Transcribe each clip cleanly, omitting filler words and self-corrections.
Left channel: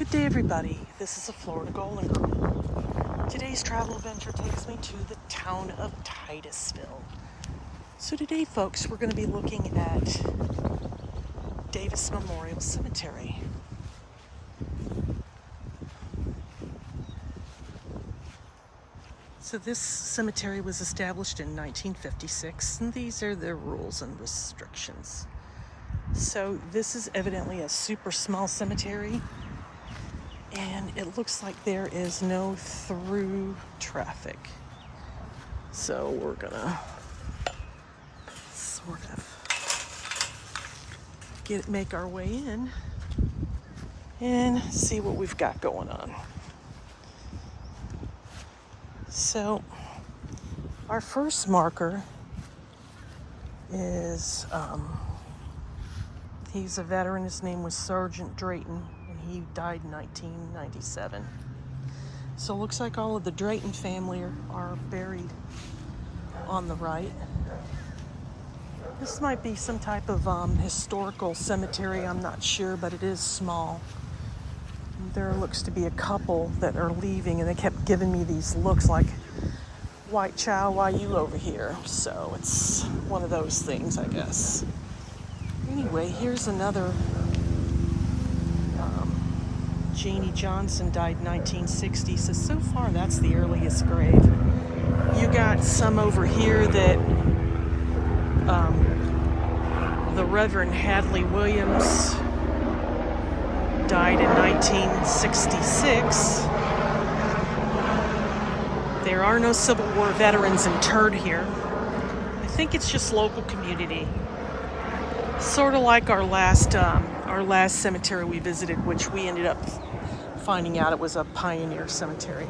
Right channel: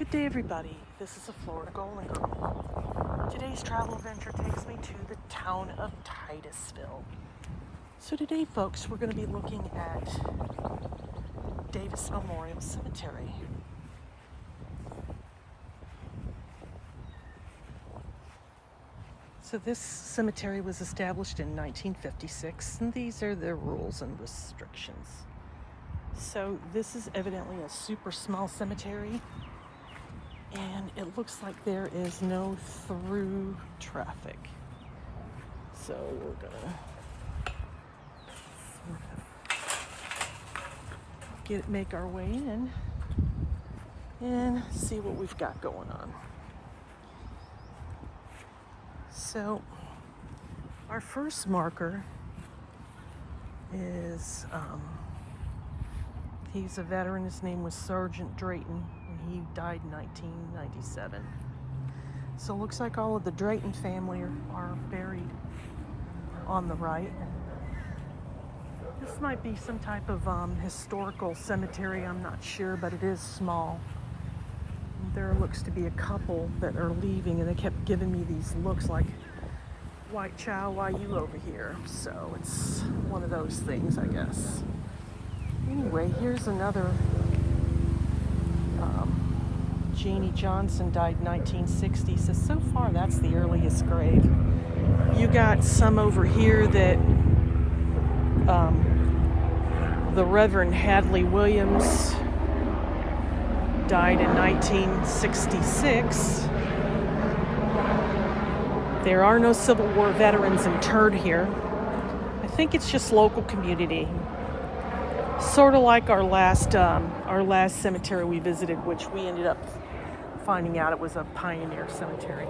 Good day, everybody. This is a Florida Golden Girl. Today's travel adventure takes me to the town of Titusville. So today, folks, we're going to be looking at Davis Memorial Cemetery. So this cemetery was established in 1956, and these are the rules and restrictions. So this is evidently a super small cemetery, and it looks like there is no through traffic. So we're gonna sort of make our way in and see what we've got going on. So our first marker is he's a veteran. His name was Sergeant Drayton, and he died in 1997. So it looks like all of the Drayton family are buried on the right. This might be some type of historical cemetery, I'm not sure, but it is small. There looks to be a couple that are leaving, and they kept giving me these looks like, "White child, why you over here?" So it's one of those things, I guess. Anyway, here's another. Jeannie Johnson died in 1960, so far that's the earliest grave. You got some over here that the Reverend Hadley Williams died in 1966. There are no Civil War veterans interred here. I think it's just local community. Sort of like our last cemetery we visited, which we ended up finding out it was a pioneer cemetery.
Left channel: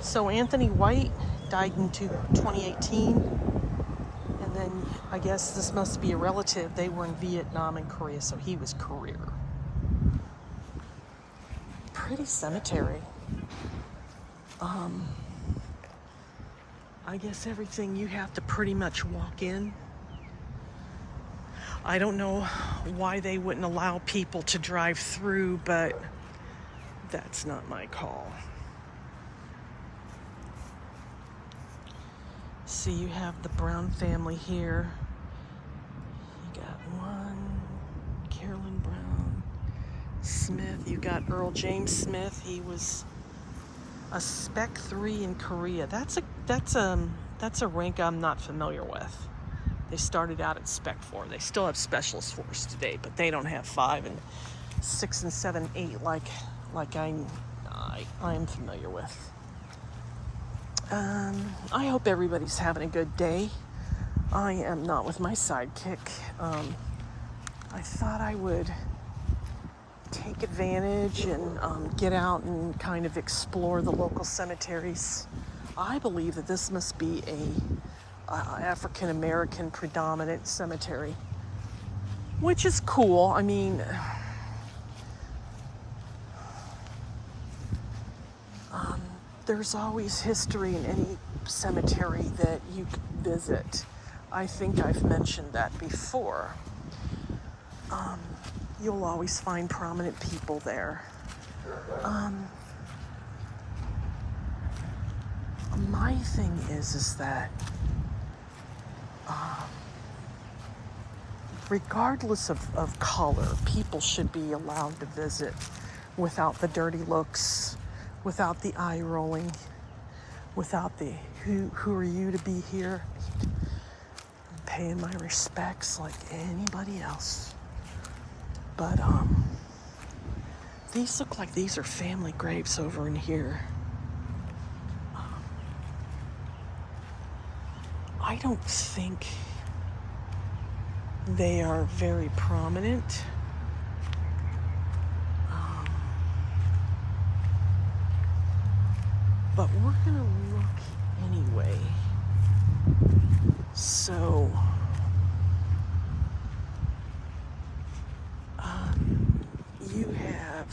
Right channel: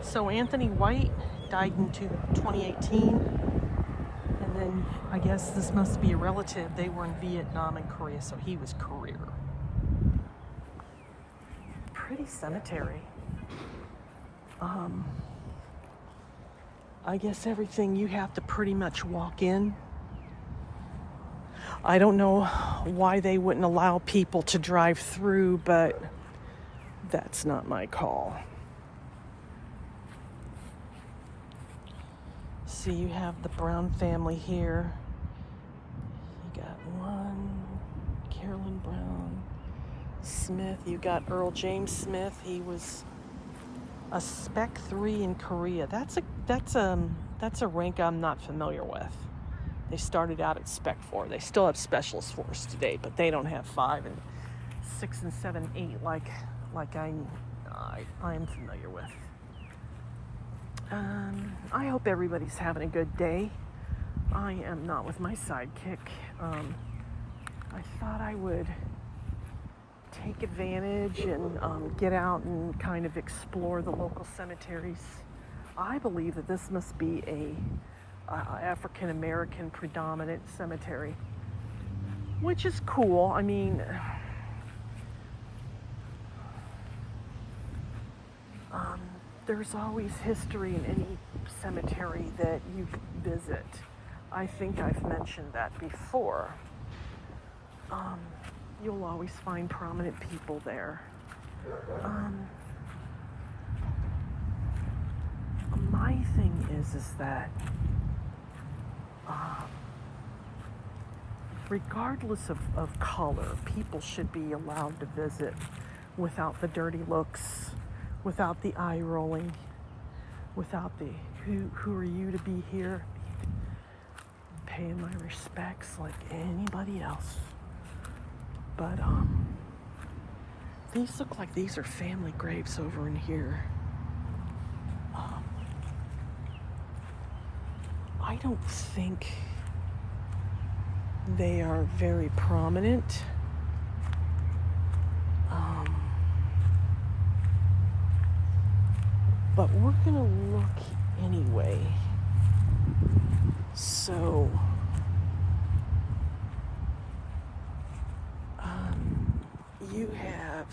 So Anthony White died in 2018, and then I guess this must be a relative. They were in Vietnam and Korea, so he was career. Pretty cemetery. I guess everything you have to pretty much walk in. I don't know why they wouldn't allow people to drive through, but that's not my call. See, you have the Brown family here. You got one, Carolyn Brown Smith. You got Earl James Smith. He was a Spec 3 in Korea. That's a rank I'm not familiar with. They started out at Spec 4. They still have Specialist Force today, but they don't have 5 and 6 and 7, 8 like I am familiar with. I hope everybody's having a good day. I am not with my sidekick. I thought I would take advantage and get out and kind of explore the local cemeteries. I believe that this must be a African American predominant cemetery, which is cool. I mean, there's always history in any cemetery that you visit. I think I've mentioned that before. You'll always find prominent people there. My thing is that regardless of color, people should be allowed to visit without the dirty looks, without the eye rolling, without the who are you to be here? I'm paying my respects like anybody else. But these look like these are family graves over in here. I don't think they are very prominent. But we're gonna look anyway. So, you have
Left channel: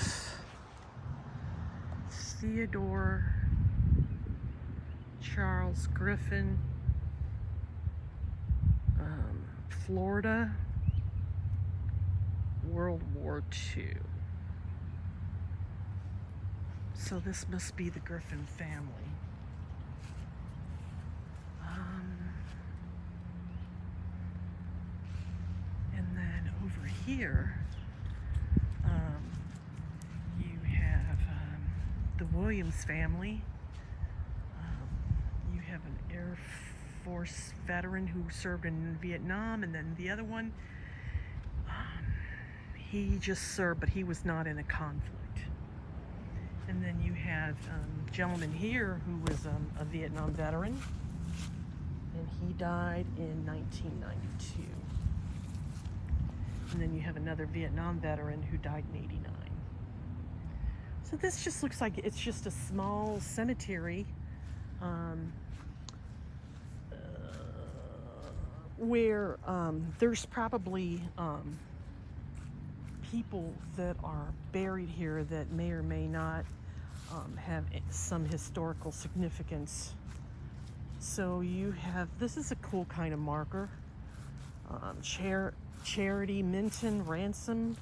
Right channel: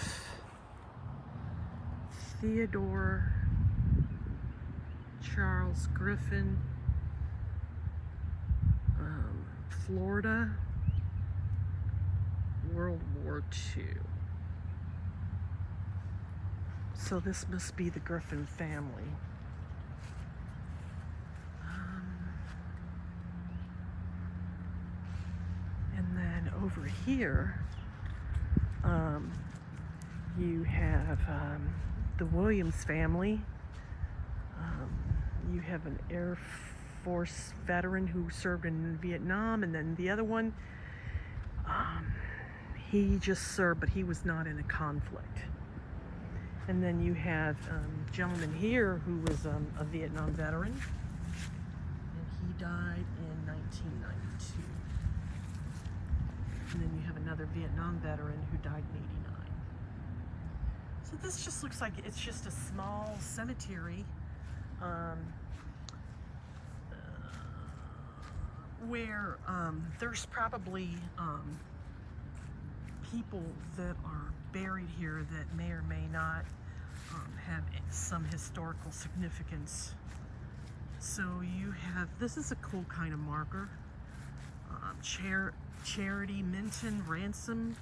Theodore Charles Griffin, Florida, World War II. So this must be the Griffin family. And then over here, you have the Williams family. You have an Air Force veteran who served in Vietnam, and then the other one, he just served, but he was not in a conflict. And then you have a gentleman here who was a Vietnam veteran, and he died in 1992. And then you have another Vietnam veteran who died in 89. So this just looks like it's just a small cemetery where there's probably people that are buried here that may or may not have some historical significance. So you have, this is a cool kind of marker. Charity Minton Ransom,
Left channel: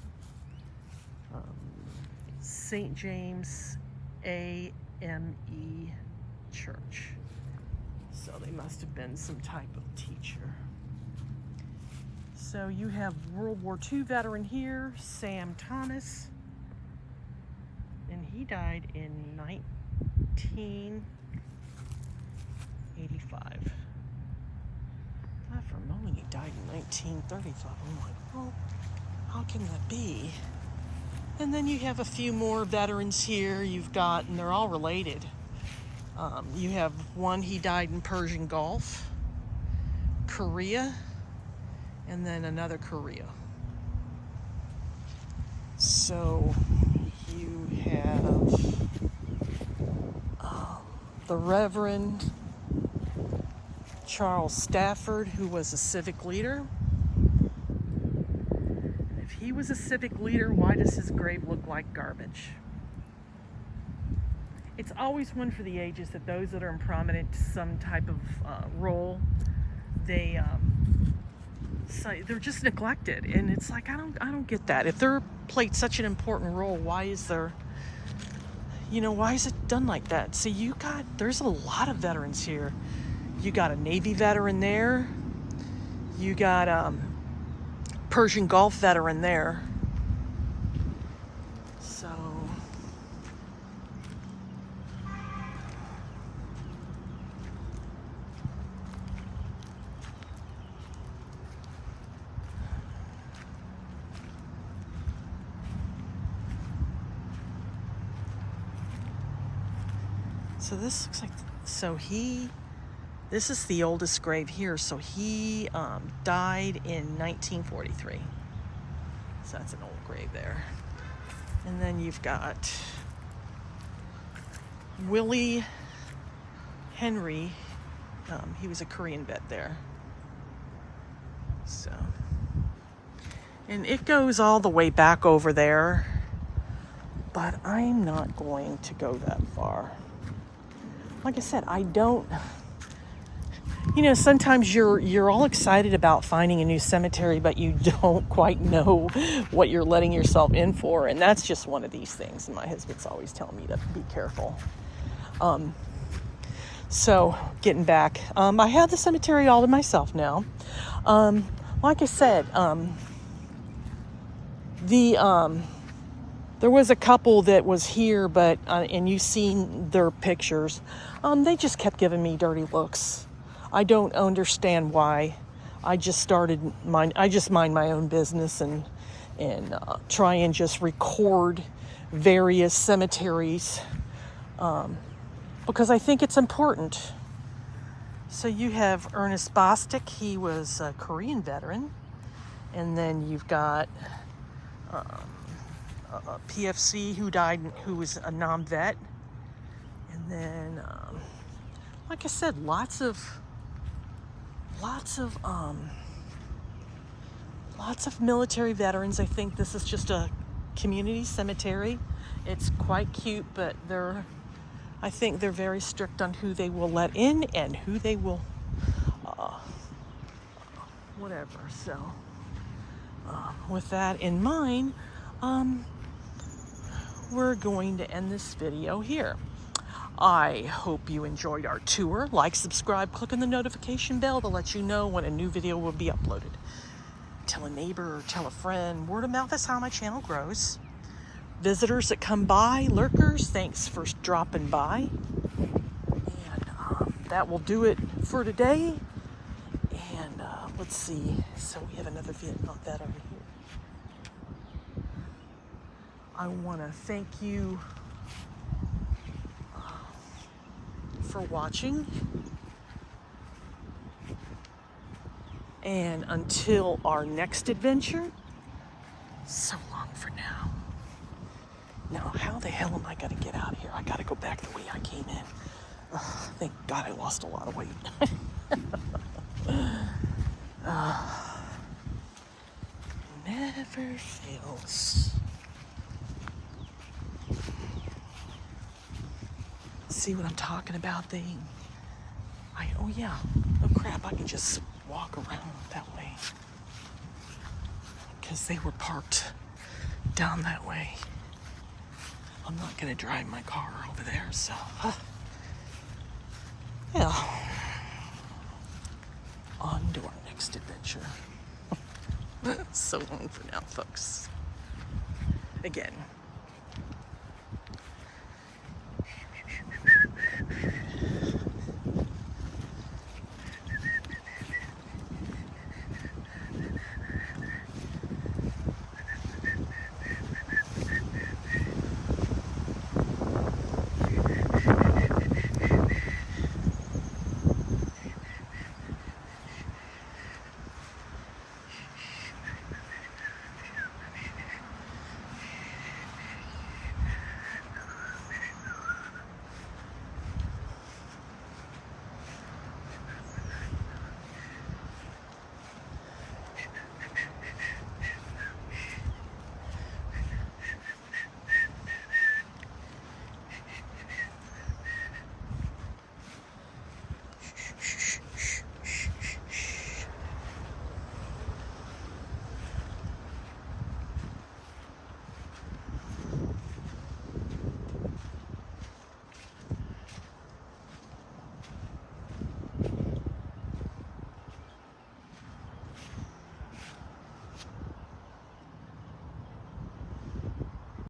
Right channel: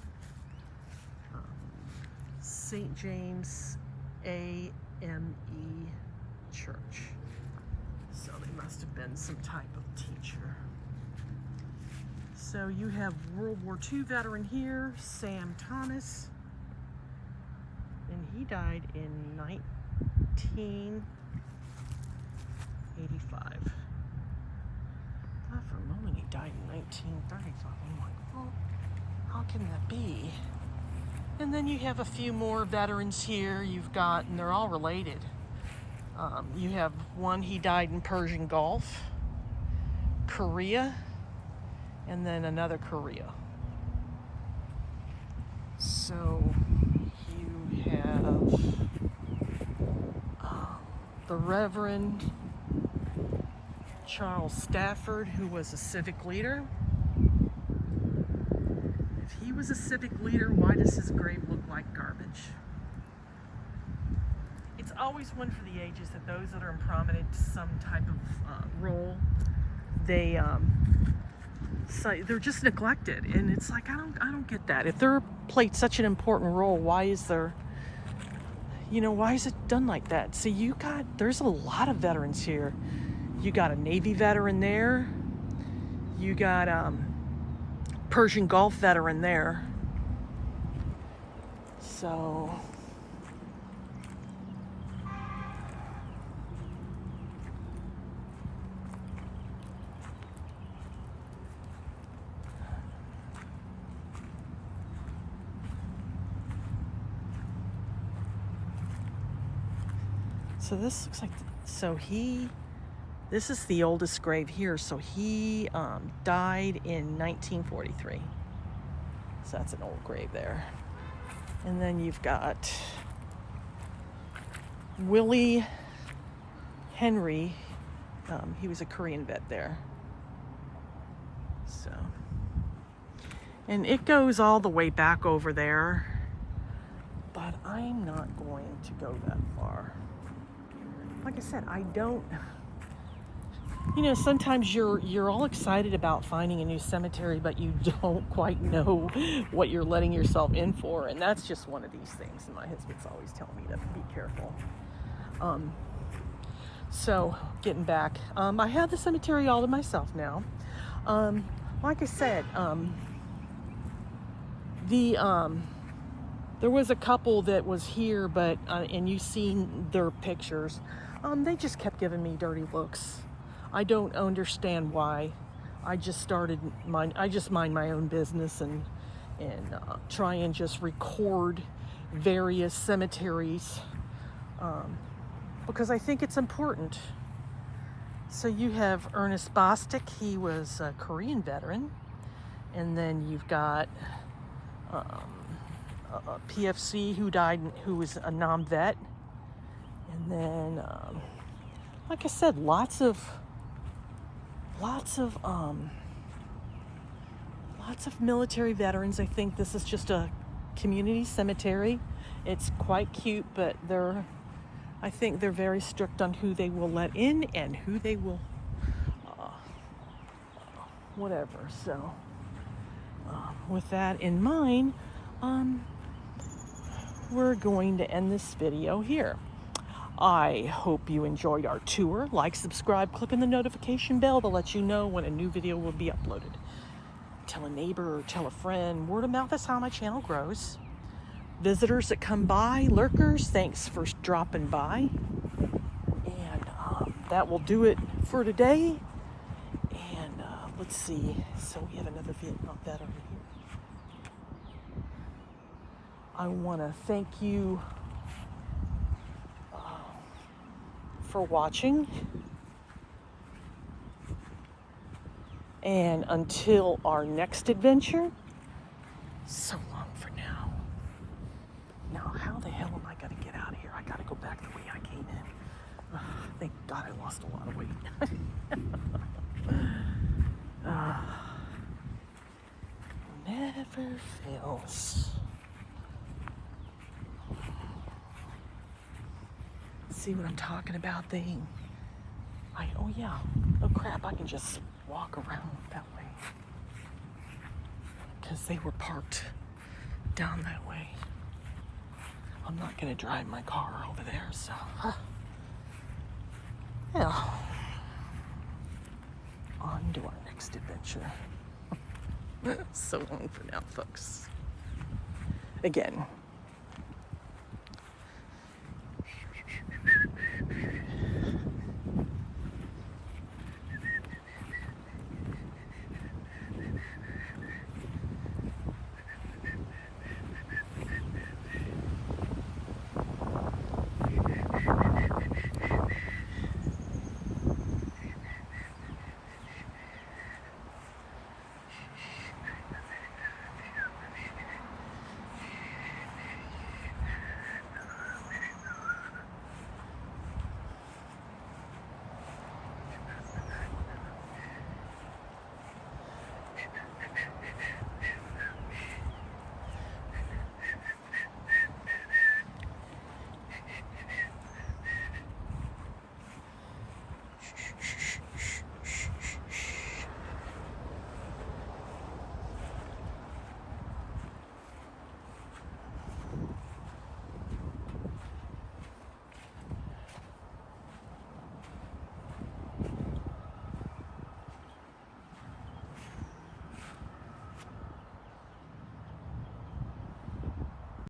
St. James AME Church. So they must have been some type of teacher. So you have World War II veteran here, Sam Thomas, and he died in 1985. I thought for a moment he died in 1930. Thought, oh my, well, how can that be? And then you have a few more veterans here. You've got, and they're all related. You have one, he died in Persian Gulf, Korea, and then another Korea. So you have the Reverend Charles Stafford, who was a civic leader. If he was a civic leader, why does his grave look like garbage? It's always one for the ages that those that are in prominent some type of role, they're just neglected, and it's like I don't get that. If they're played such an important role, why is there, why is it done like that? So there's a lot of veterans here. You got a Navy veteran there. You got Persian Gulf veteran there. So this looks like, this is the oldest grave here. So he died in 1943. So that's an old grave there. And then you've got Willie Henry. He was a Korean vet there. So, and it goes all the way back over there, but I'm not going to go that far. Like I said, I don't, sometimes you're all excited about finding a new cemetery, but you don't quite know what you're letting yourself in for. And that's just one of these things. And my husband's always telling me to be careful. So getting back, I have the cemetery all to myself now. Like I said, there was a couple that was here, but, and you've seen their pictures. They just kept giving me dirty looks. I don't understand why. I just mind my own business and try and just record various cemeteries, because I think it's important. So you have Ernest Bostic. He was a Korean veteran. And then you've got PFC who was a non-vet. And then, like I said, lots of military veterans. I think this is just a community cemetery. It's quite cute, but I think they're very strict on who they will let in and who they will, whatever. So, with that in mind, we're going to end this video here. I hope you enjoyed our tour. Like, subscribe, click on the notification bell to let you know when a new video will be uploaded. Tell a neighbor or tell a friend. Word of mouth is how my channel grows. Visitors that come by, lurkers, thanks for dropping by. And that will do it for today. And let's see. So we have another Vietnam vet over here. I want to thank you for watching, and until our next adventure, so long for now. Now, how the hell am I gonna get out of here? I gotta go back the way I came in. Thank God I lost a lot of weight. Never fails. See what I'm talking about? Oh yeah, oh crap, I can just walk around that way. Because they were parked down that way. I'm not gonna drive my car over there, so. Yeah. On to our next adventure. So long for now, folks. Again.